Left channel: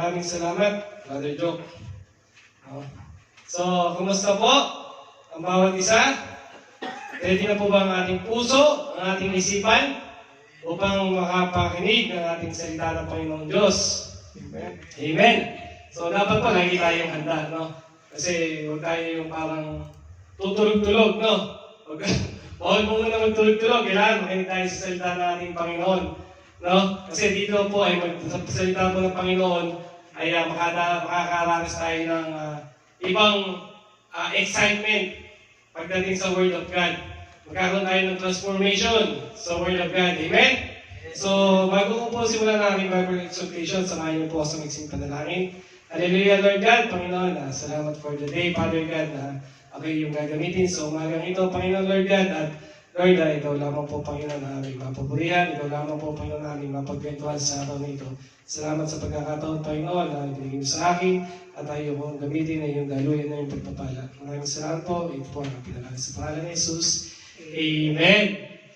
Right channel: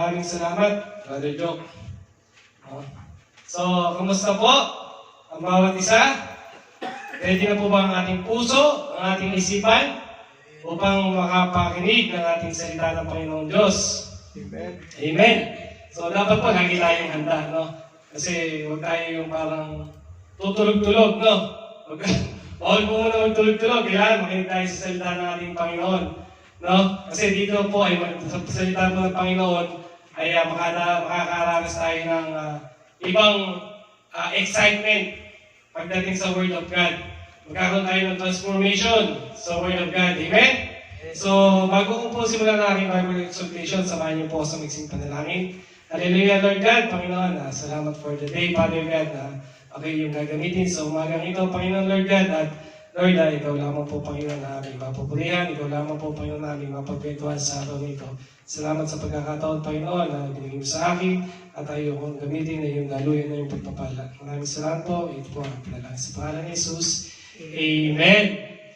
maraming salamat, Brother Joe. So, kumusta po ang bawat isa? Ready na po ba ang ating puso, ang ating isipan, upang makapakinig ng ating salita ng Panginoong Diyos? Amen. Amen. So, dapat po lagi tayong handa, no? Kasi huwag tayo yung parang tutulog-tulog, no? Bawal po muna magtulog-tulog. Kailangan makinig tayo sa salita ng ating Panginoon, no? Kasi dito po ay sa salita po ng Panginoon ay makakaranas tayo ng ibang excitement pagdating sa Word of God. Magkakaroon tayo ng transformation sa Word of God. Amen? So, bago ko po simulan ang aking Bible exhortation, samahan niyo po sa miksing panalangin. Hallelujah, Lord God, Panginoon, salamat for the day, Father God, na ako yung gagamitin sa umagang ito, Panginoon, Lord God, at Lord, ikaw lamang po, Panginoon, na aming mapupurihan, ikaw lamang po, Panginoon, na aming mapagkwentuhan sa araw nito. Salamat sa pagkakataon, Panginoon, na binigay mo sa akin, at ayaw kong gamitin na yung daluyan na yung pagpapala. Maraming salamat po, ito po ang pinalangin sa pangalan ni Jesus. Amen.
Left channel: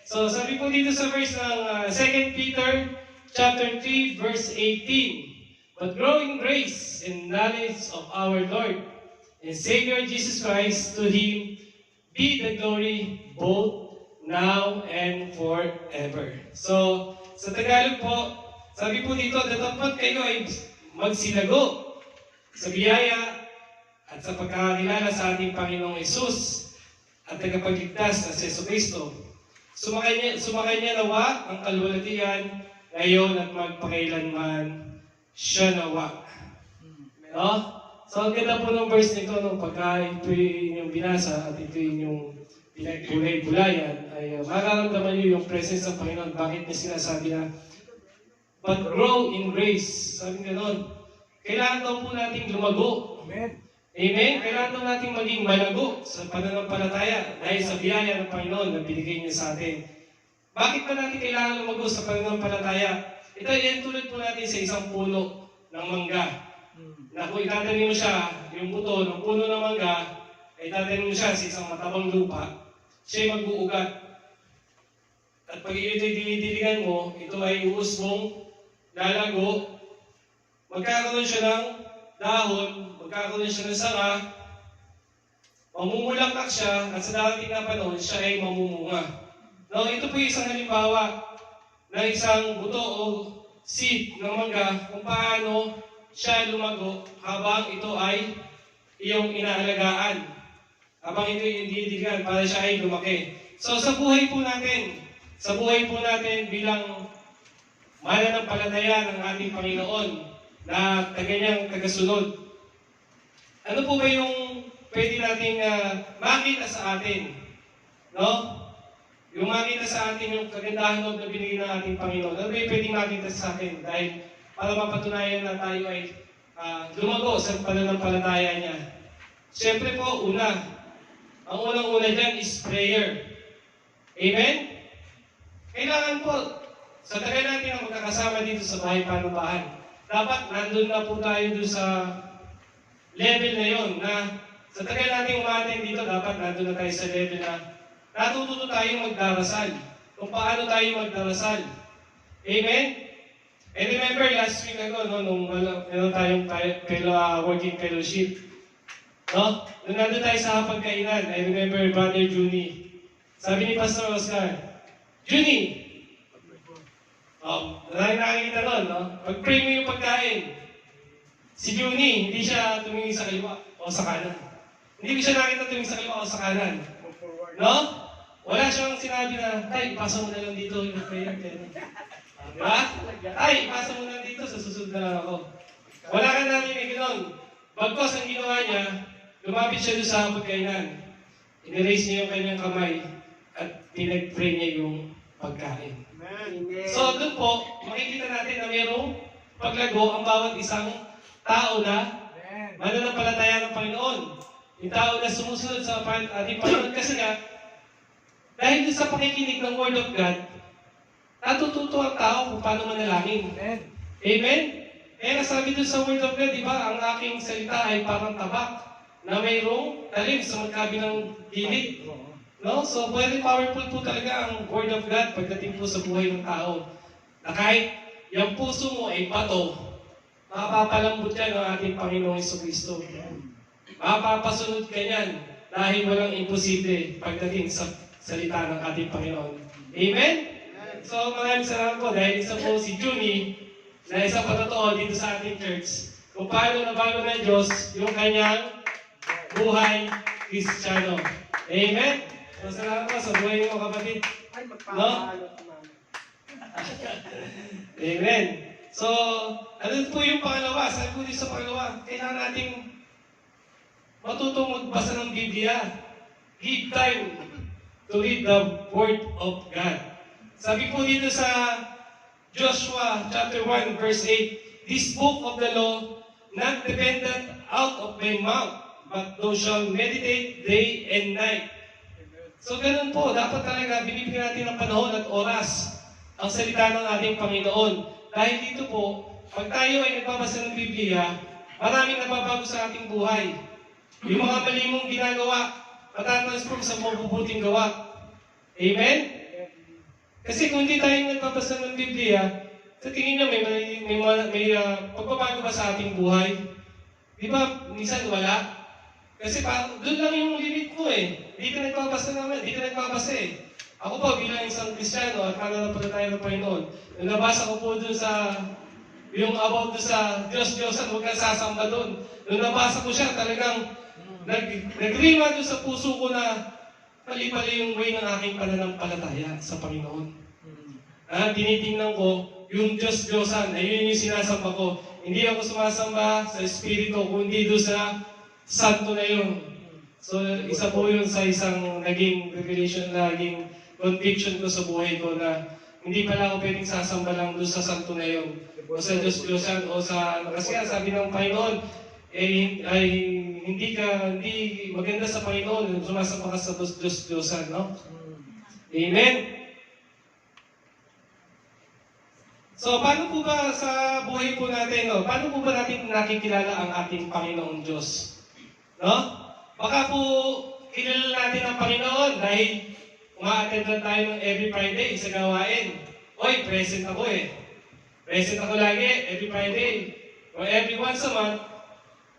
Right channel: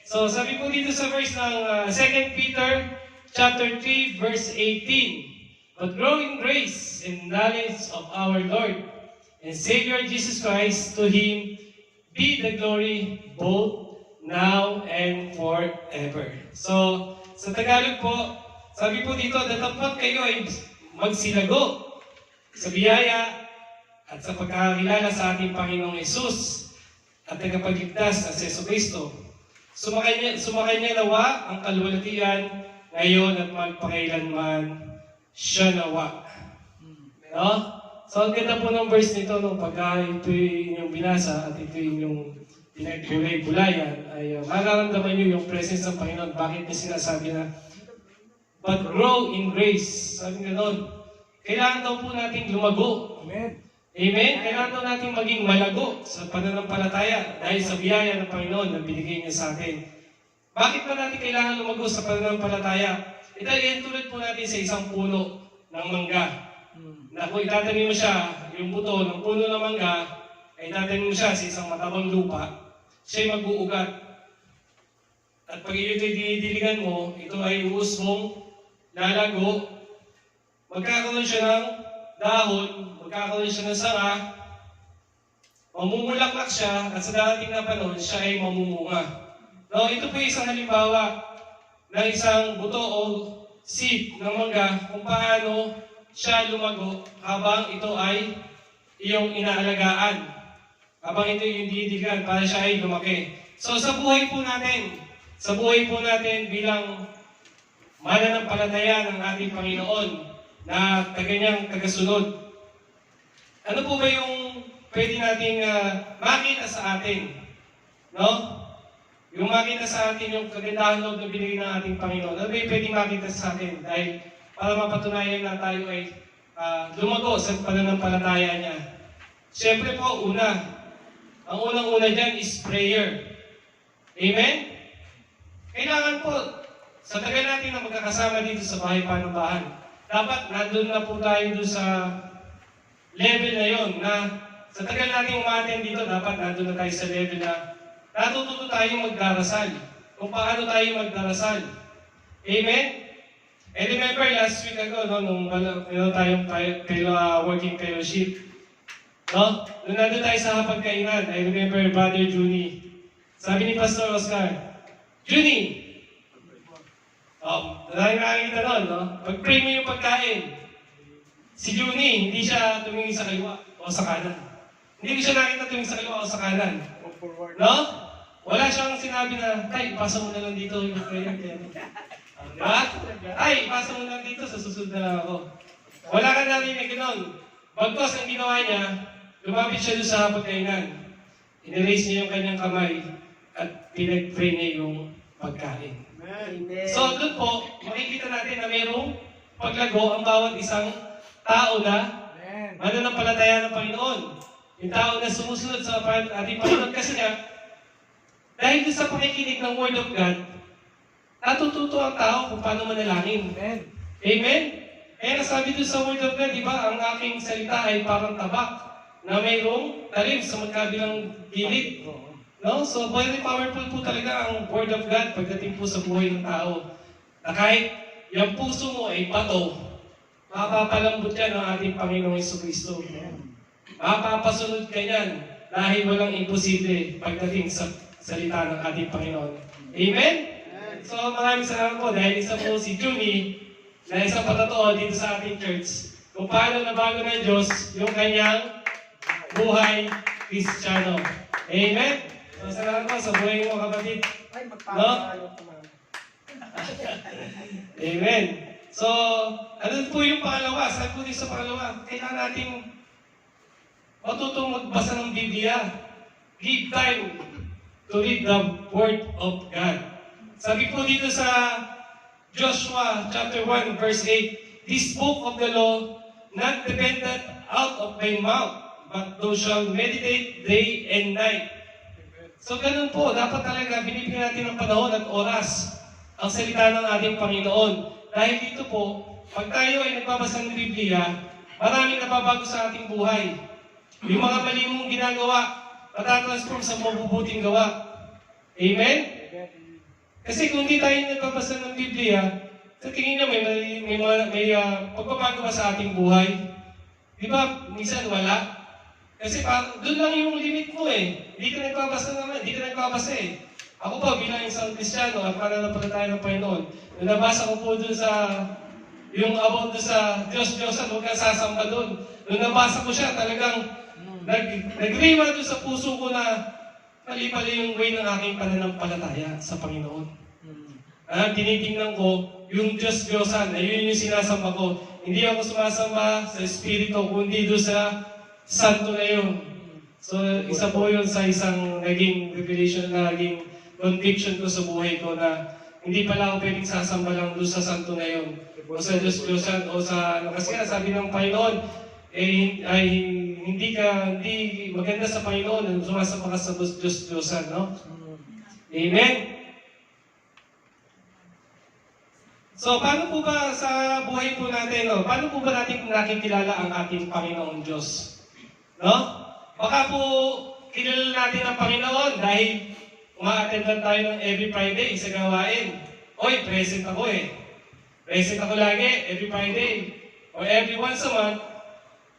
So, sabi po dito sa verse ng 2 Peter chapter 3, verse 18, "But grow in grace and knowledge of our Lord and Savior Jesus Christ, to Him be the glory both now and forever." So, sa Tagalog po, sabi po dito, dapat kayo ay magsilago sa biyaya at sa pagkakakilala sa ating Panginoong Yesus at tagapagligtas na si Jesucristo. Sumakay niya nawa ang kalwalatian ngayon at magpakailanman siya nawa. No? So, ang ganda po ng verse nito, no, pagka ito yung binasa at ito yung pinagulay-gulayan, ay makaramdaman nyo yung presence ng Panginoon. Bakit niya sinasabi na, "But grow in grace." Sabi nga nun, kailangan daw po natin lumago. Amen. Amen? Kailangan daw natin maging malago sa pananampalataya dahil sa biyaya ng Panginoon na binigay niya sa atin. Bakit pa natin kailangan lumago sa pananampalataya? Ito yan tulad po natin sa isang puno ng mangga. Na kung itatanim mo siya, yung buto ng puno ng mangga, ay itatanim mo siya sa isang matabang lupa, siya'y mag-uugat. At pag ito'y dinidiligan mo, ito ay uusbong, lalago, magkakaroon siya ng dahon, magkakaroon siya ng sanga, mamumulaklak siya, at sa darating na panahon, siya ay mamumunga. No, ito po isang halimbawa na isang buto o seed ng mangga kung paano siya lumago habang ito ay iyong inaalagaan. Habang ito yung didiligan para siya ay lumaki. So sa buhay po natin bilang mananampalataya ng ating Panginoon na kanyang tagasunod, ano po ba yung pwede nating makita sa atin? No? Yung makita sa atin yung kagandahan loob na binigay ng ating Panginoon. Ano ba yung pwede makita sa atin? Dahil para mapatunayan na tayo ay lumago sa pananampalataya niya. Siyempre po, ang unang-una dyan is prayer. Amen? Kailangan po, sa tagal natin na magkakasama dito sa bahay panumbahan, dapat nandun na po tayo doon sa level na yon na sa tagal natin umaten dito, dapat nandun na tayo sa level na natututo tayo magdarasal. Kung paano tayo magdarasal. Amen? And remember last week ago, no, nung meron tayong working fellowship, no? Nung nandun tayo sa hapagkainan, I remember Brother Juni. Sabi ni Pastor Oscar, "Juni, nakakita nun, no? Mag-pray mo yung pagkain." Si Juni, hindi siya tumingin sa kaliwa o sa kanan. Hindi ko siya nakita tumingin sa kaliwa o sa kanan. No? Wala siyang sinabi na, "Tay, ipasa mo na lang dito yung prayer." Diba? "Tay, ipasa mo lang dito, sa susunod na lang ako." Wala ka narinig nun. Bagkos ang ginawa niya, lumapit siya doon sa hapagkainan. Iniraise niya yung kanyang kamay at pinag-pray niya yung pagkain. Amen. So doon po, makikita natin na mayroong paglago ang bawat isang tao na mananampalataya ng Panginoon. Yung tao na sumusunod sa ating Panginoon kasi nga, dahil sa pakikinig ng Word of God, natututo ang tao kung paano manalangin. Amen. Amen? Kaya sabi doon sa Word of God, di ba, ang aking salita ay parang tabak na mayroong talim sa magkabilang gilid. No? So, very powerful po talaga ang Word of God pagdating po sa buhay ng tao. Na kahit yung puso mo ay bato, Mapapalambot yan ng ating Panginoong Jesucristo. Mapapasunod ka yan dahil walang imposible pagdating sa salita ng ating Panginoon. Amen? So maraming salamat po dahil isa po si Jumi na isang patotoo dito sa ating church kung paano nabago ng Diyos yung kanyang buhay Kristiyano. Amen? So salamat po sa buhay mo kapatid. No? Amen. So, ano po yung pangalawa? Sabi po dito sa pangalawa, kailangan nating matutong magbasa ng Biblia. Give time to read the Word of God. Sabi po dito sa Joshua chapter 1 verse 8, this book of the law not dependent out of my mouth, but thou shalt meditate day and night. So ganun po, dapat talaga binibigyan natin ng panahon at oras ang salita ng ating Panginoon. Dahil dito po, pag tayo ay nagbabasa ng Biblia, maraming nababago sa ating buhay. Yung mga mali mong ginagawa, matatransform sa mabubuting gawa. Amen? Kasi kung hindi tayo nagbabasa ng Biblia, sa tingin nyo may pagbabago ba sa ating buhay? Di ba, minsan wala? Kasi doon lang yung limit mo eh. Hindi ka nagbabasa naman, hindi ka nagbabasa eh. Ako po bilang isang Kristiyano at pananampalataya ng Panginoon, nung nabasa ko po doon sa, yung about doon sa Diyos-Diyosan, huwag kang sasamba doon. Nung nabasa ko siya, talagang nag-rima doon sa puso ko na mali-mali yung way ng aking pananampalataya sa Panginoon. Tinitingnan ko, yung Diyos-Diyosan, na yun yung sinasamba ko. Hindi ako sumasamba sa Espiritu, kundi doon sa Santo na yun. So, isa po yun sa isang naging revelation, naging conviction ko sa buhay ko na hindi pala ako pwedeng sasamba lang doon sa Santo na yun. O sa Diyos-Diyosan, o sa, kasi nga sabi ng Panginoon, ay hindi maganda sa Panginoon, sumasamba ka sa Diyos-Diyosan, no? Amen? So, paano po ba sa buhay po natin, no? Paano po ba natin nakikilala ang ating Panginoong Diyos? No? Baka po kilala natin ang Panginoon dahil uma-attend tayo ng every Friday sa gawain. Oy, present ako eh. Present ako lagi, every Friday. Or every once a month,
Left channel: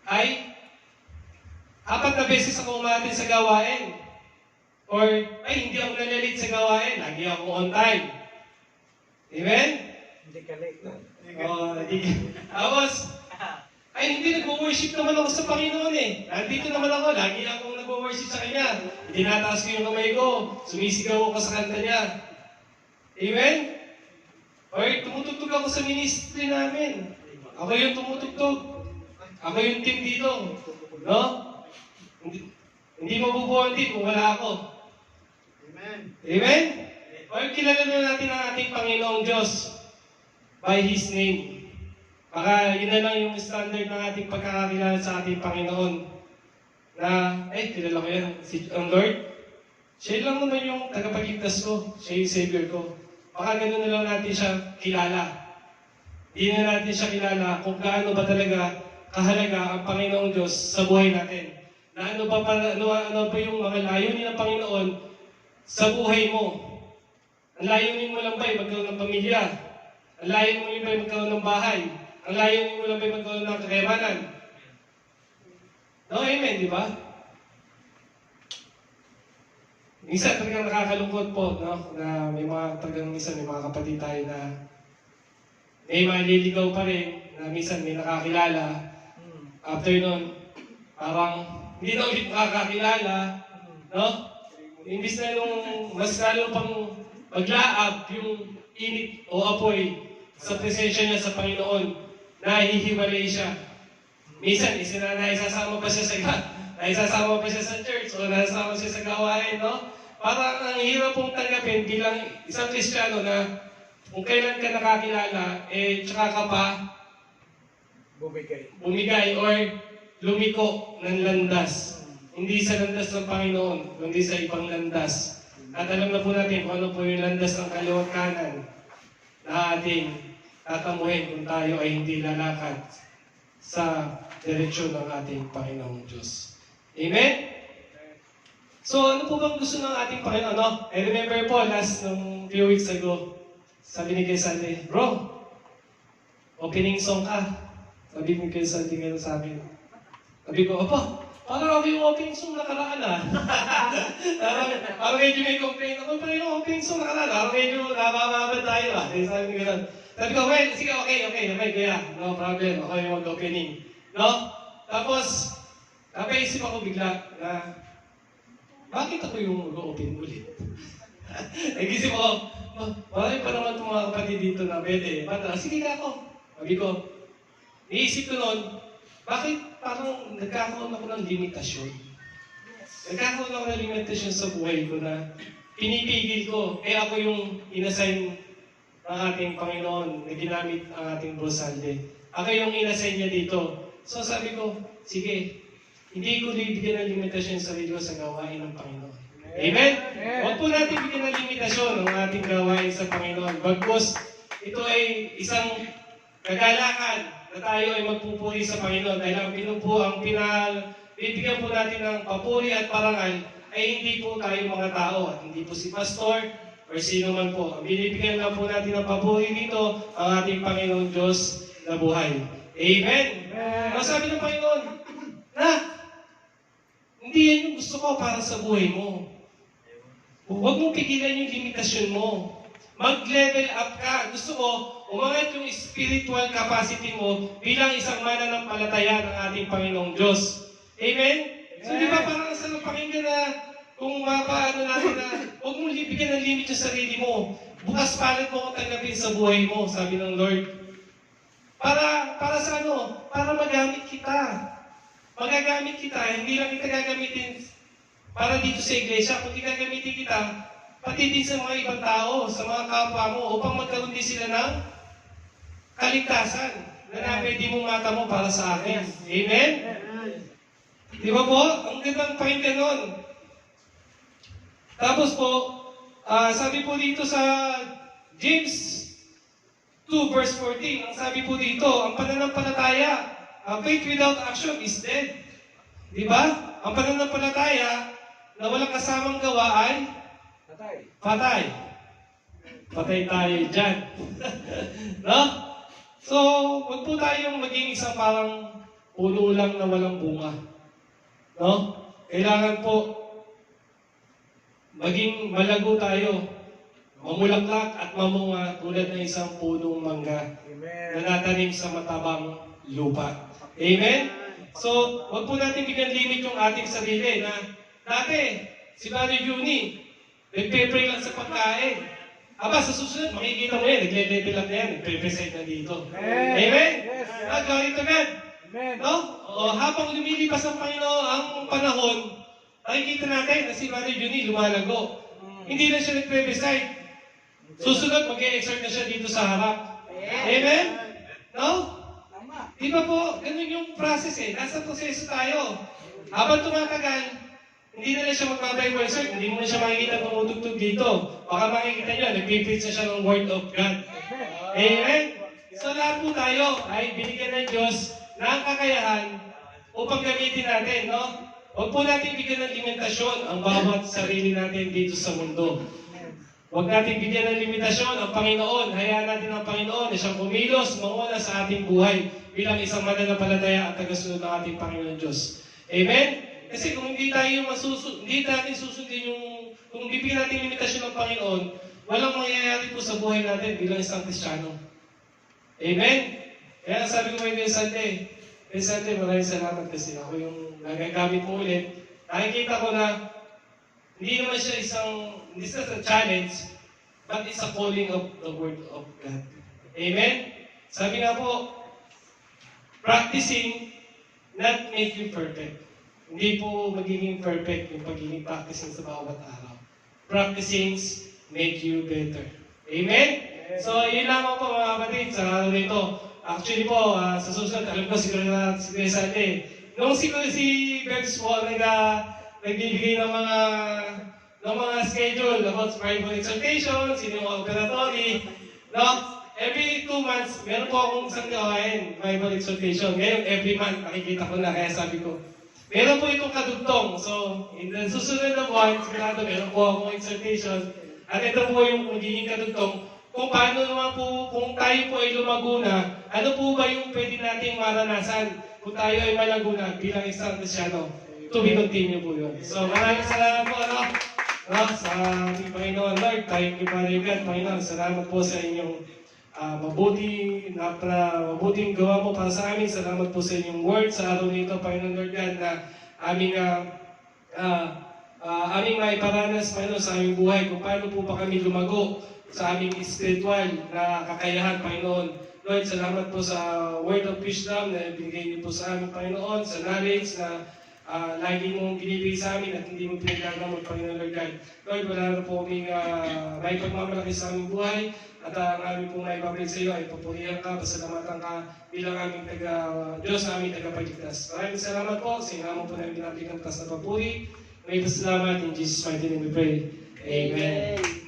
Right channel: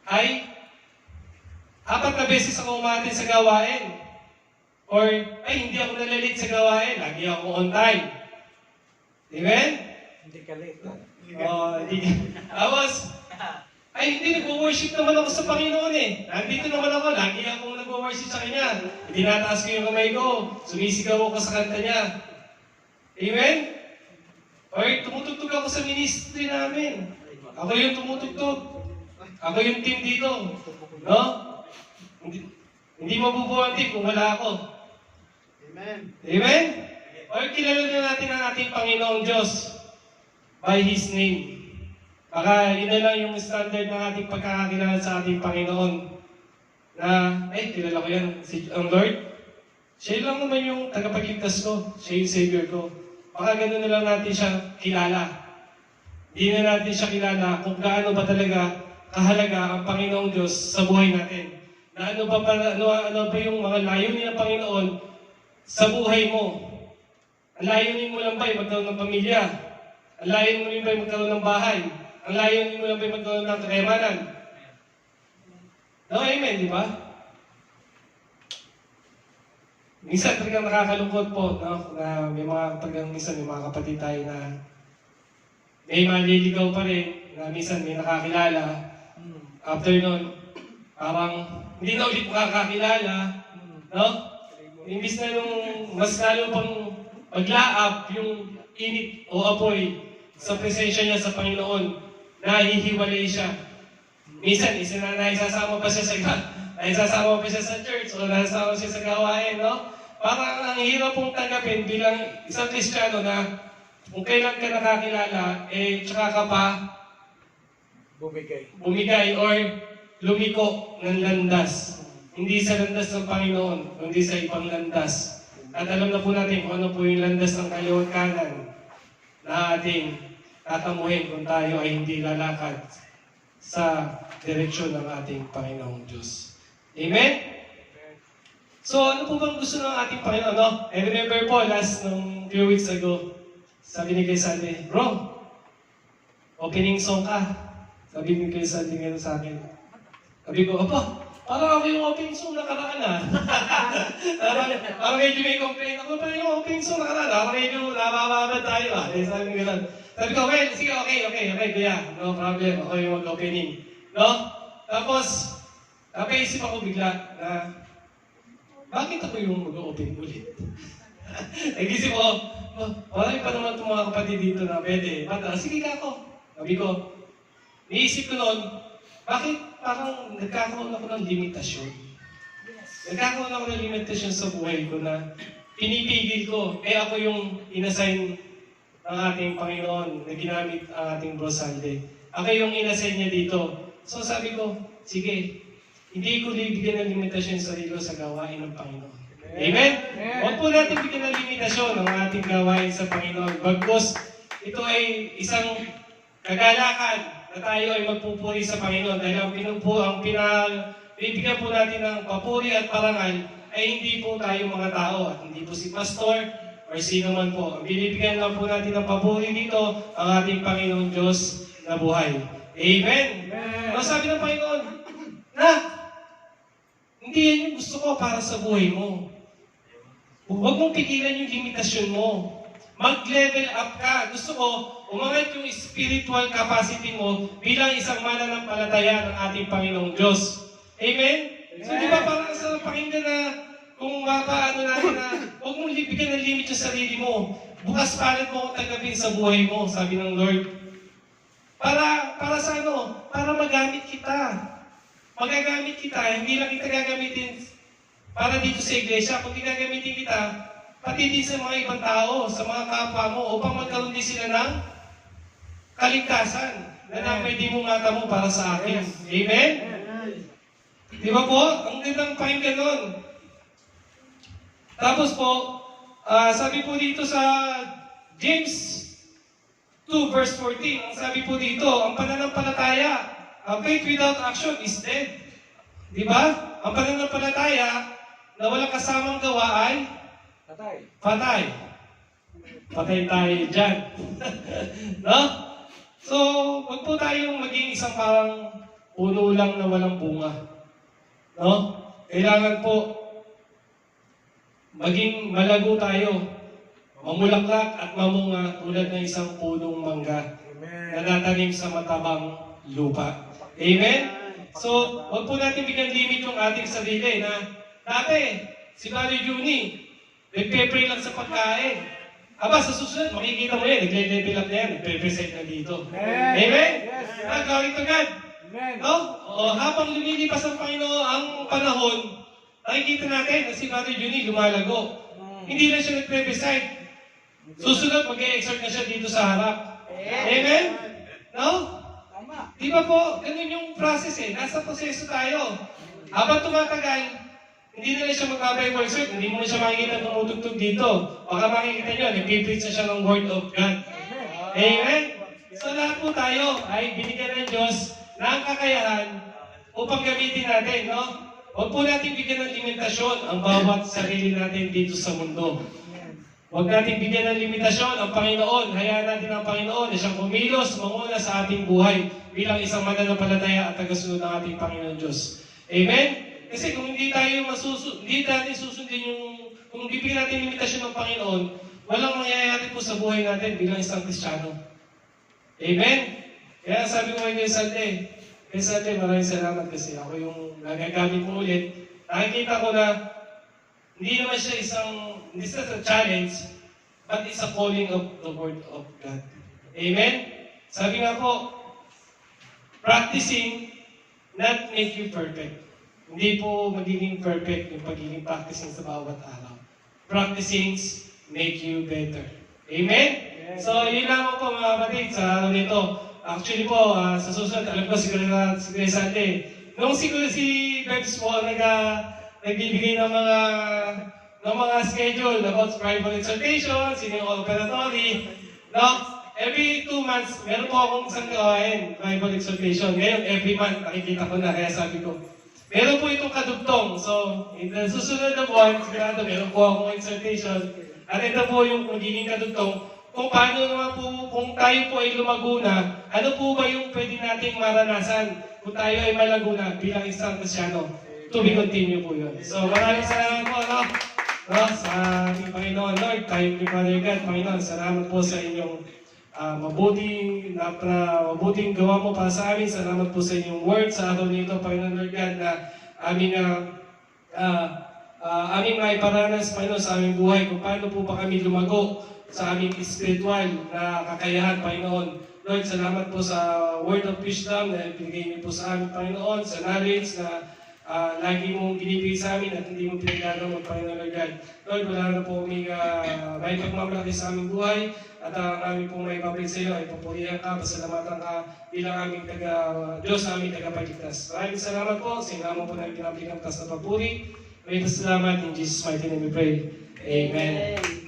ay 4 na beses ako uma-attend sa gawain. Or, ay, hindi ako nalalit sa gawain. Lagi ako on time. Amen? Hindi ka late. Oo, hindi. Tapos, ay hindi, nag-worship naman ako sa Panginoon eh. Nandito naman ako, lagi akong nag-worship sa Kanya. Tinataas ko yung kamay ko, sumisigaw ako sa kanta niya. Amen? Or tumutugtog ako sa ministry namin. Ako yung tumutugtog. Ako yung team dito. No? Hindi mabubuhay din kung wala ako. Amen. Amen? Or kilala na natin ang ating Panginoong Diyos by His name. Baka yun na lang yung standard ng ating pagkakakilala sa ating Panginoon. Na, kilala ko yan, ang Lord. Siya lang naman yung tagapagligtas ko. Siya yung Savior ko. Baka gano'n na lang natin siya kilala. Hindi na natin siya kilala kung gaano ba talaga kahalaga ang Panginoong Diyos sa buhay natin. Na ano ba yung mga layunin ng Panginoon sa buhay mo. Ang layunin mo lang ba ay magkaroon ng pamilya? Ang layunin mo lang ba ay magkaroon ng bahay? Ang layunin mo lang ba magkaroon ng kakayamanan? No, amen, di ba? Minsan talagang nakakalungkot po, no? Na may mga minsan may mga kapatid tayo na may manliligaw pa rin, na minsan may nakakilala. After nun, parang hindi na ulit makakakilala, no? Imbis na nung mas lalo pang maglaap yung init o apoy sa presensya niya sa Panginoon, nahihiwalay siya. Minsan, naisasama pa siya sa iba. Naisasama pa siya sa church o naisasama siya sa gawain, no? Parang ang hirap pong tanggapin bilang isang Kristiyano na kung kailan ka nakakilala, tsaka ka pa bumigay or lumiko ng landas. Hindi sa landas ng Panginoon, kundi sa ibang landas. At alam na po natin kung ano po yung landas ng kaliwat kanan na ating tatamuhin kung tayo ay hindi lalakad sa direksyon ng ating Panginoong Diyos. Amen? So, ano po bang gusto ng ating Panginoon? No? I remember po, nung few weeks ago, sabi ni Kuya Sandy, bro, opening song ka. Sabi ni Kuya Sandy ngayon sa akin. Sabi ko, "Apa, parang ako yung opening song nakaraan ah." Parang medyo may complaint ako, parang yung opening song nakaraan, parang medyo namamabad tayo ah. Eh, sabi ko gano'n. Sabi ko, "Well, sige, okay, kuya. No problem, ako yung mag-opening." No? Tapos, napaisip ako bigla na, bakit ako yung mag-open ulit? Nag-isip ako, marami pa naman itong mga kapatid dito na pwede. Sige na ako. Sabi ko, niisip ko noon, bakit parang nagkakaroon ako ng limitasyon? Nagkakaroon ako ng limitasyon sa buhay ko na pinipigil ko. Ako yung inassign ng ating Panginoon na ginamit ang ating Brosalde. Ako yung inassign niya dito. So sabi ko, sige, hindi ko bibigyan ng limitasyon sa sarili ko sa gawain ng Panginoon. Amen? Huwag po natin bigyan ng limitasyon ang ating gawain sa Panginoon. Bagkus, ito ay isang kagalakan na tayo ay magpupuri sa Panginoon dahil ang bibigyan po natin ng papuri at parangal ay hindi po tayo mga tao at hindi po si pastor or sino man po. Ang binibigyan lang po natin ng papuri dito ang ating Panginoon Diyos na buhay. Amen? Ang sabi ng Panginoon, hindi yan yung gusto ko para sa buhay mo. Huwag mong pigilan yung limitasyon mo. Mag-level up ka. Gusto ko, umangat yung spiritual capacity mo bilang isang mananampalataya ng ating Panginoong Diyos. Amen? So di ba parang sa pakinggan na kung mapaano natin na huwag mong bigyan ng limit yung sarili mo. Bukas palad mo kung tanggapin sa buhay mo, sabi ng Lord. Para sa ano? Para magamit kita. Magagamit kita, hindi lang kita gagamitin para dito sa iglesia, kundi gagamitin kita pati din sa mga ibang tao, sa mga kapwa mo, upang magkaroon din sila ng kaligtasan na pwede mong matamo para sa akin. Amen? Di ba po? Ang gandang pakinggan nun. Tapos po, sabi po dito sa James 2 verse 14, ang sabi po dito, ang pananampalataya, faith without action is dead. Di ba? Ang pananampalataya na walang kasamang gawa ay patay. Patay tayo dyan. No? So, wag po tayong maging isang parang puno lang na walang bunga. No? Kailangan po maging malago tayo. Mamulaklak at mamunga tulad ng isang punong mangga na natanim sa matabang lupa. Amen? So, huwag po natin bigyan limit yung ating sarili na dati, si Brother Juni, nagpe-pray lang sa pagkain. Aba, sa susunod, makikita mo yan, nagre-level lang na yan, nagpe-present na dito. Amen? Glory to God. No? O, habang lumilipas ang Panginoon ang panahon, nakikita natin na si Brother Juni lumalago. Hindi na siya nagpe-present. Susunod, mag-e-exhort na siya dito sa harap. Amen? No? Di ba po, ganun yung process eh. Nasa proseso tayo. Habang tumatagal, hindi na siya mag-Bible concert, hindi mo na siya makikita tumutugtog dito. Baka makikita nyo, nag-preach na siya ng Word of God. Amen? So lahat po tayo ay binigyan ng Diyos ng kakayahan upang gamitin natin, no? Huwag po natin bigyan ng limitasyon ang bawat sarili natin dito sa mundo. Huwag natin bigyan ng limitasyon ang Panginoon. Hayaan natin ang Panginoon na siyang kumilos, manguna sa ating buhay bilang isang mananampalataya at tagasunod ng ating Panginoon Diyos. Amen? Kasi kung hindi natin susundin kung bibigyan natin limitasyon ng Panginoon, walang mangyayari po sa buhay natin bilang isang Kristiyano. Amen? Kaya sabi ko kay Sante, maraming salamat kasi ako yung nagagamit mo ulit. Nakikita ko na hindi naman siya hindi siya a challenge, but it's a calling of the Word of God. Amen? Sabi nga po, practicing not make you perfect. Hindi po magiging perfect yung pagiging practicing sa bawat araw. Practicing make you better. Amen? So, ilinama po mga kapatid sa araw nito. Actually po, sa susunod, alam ko siguro si Sante, nung siguro si Bebs po nagbibigay ng mga schedule about Bible exhortation, sino yung operatory, no? Every 2 months, meron po akong isang gawain, Bible exhortation. Ngayon, every month, nakikita ko na, kaya sabi ko, meron po itong kadugtong. So, in the susunod na buwan, sigurado meron po akong exhortation. At ito po yung magiging kadugtong kung paano naman po, kung tayo po ay lumago na, ano po ba yung pwede nating maranasan kung tayo ay malago na bilang isang Kristyano? To be continue po yun. So maraming salamat po, sa ating Panginoon Lord, thank you Father God, Panginoon, salamat po sa inyong mabuting gawa po para sa amin. Salamat po sa inyong word sa araw nito, Panginoon Lord God, na aming maiparanas, Panginoon, sa aming buhay, kung paano po ba kami lumago sa aming spiritual na kakayahan, Panginoon. Lord, salamat po sa word of wisdom na ibigay niyo po sa amin, Panginoon, sa knowledge na lagi mong binibigay sa amin at hindi mo pinagagawa, Panginoon Lord God. Lord, wala na po aming may pagmamalaki sa aming buhay at ang aming pong naipapit sa iyo ay papurihan ka, pasalamatan ka bilang aming Diyos, aming tagapagligtas. Maraming salamat po sa inamo po na pinapigam kas na papuri. May salamat in Jesus' mighty name we pray. Amen.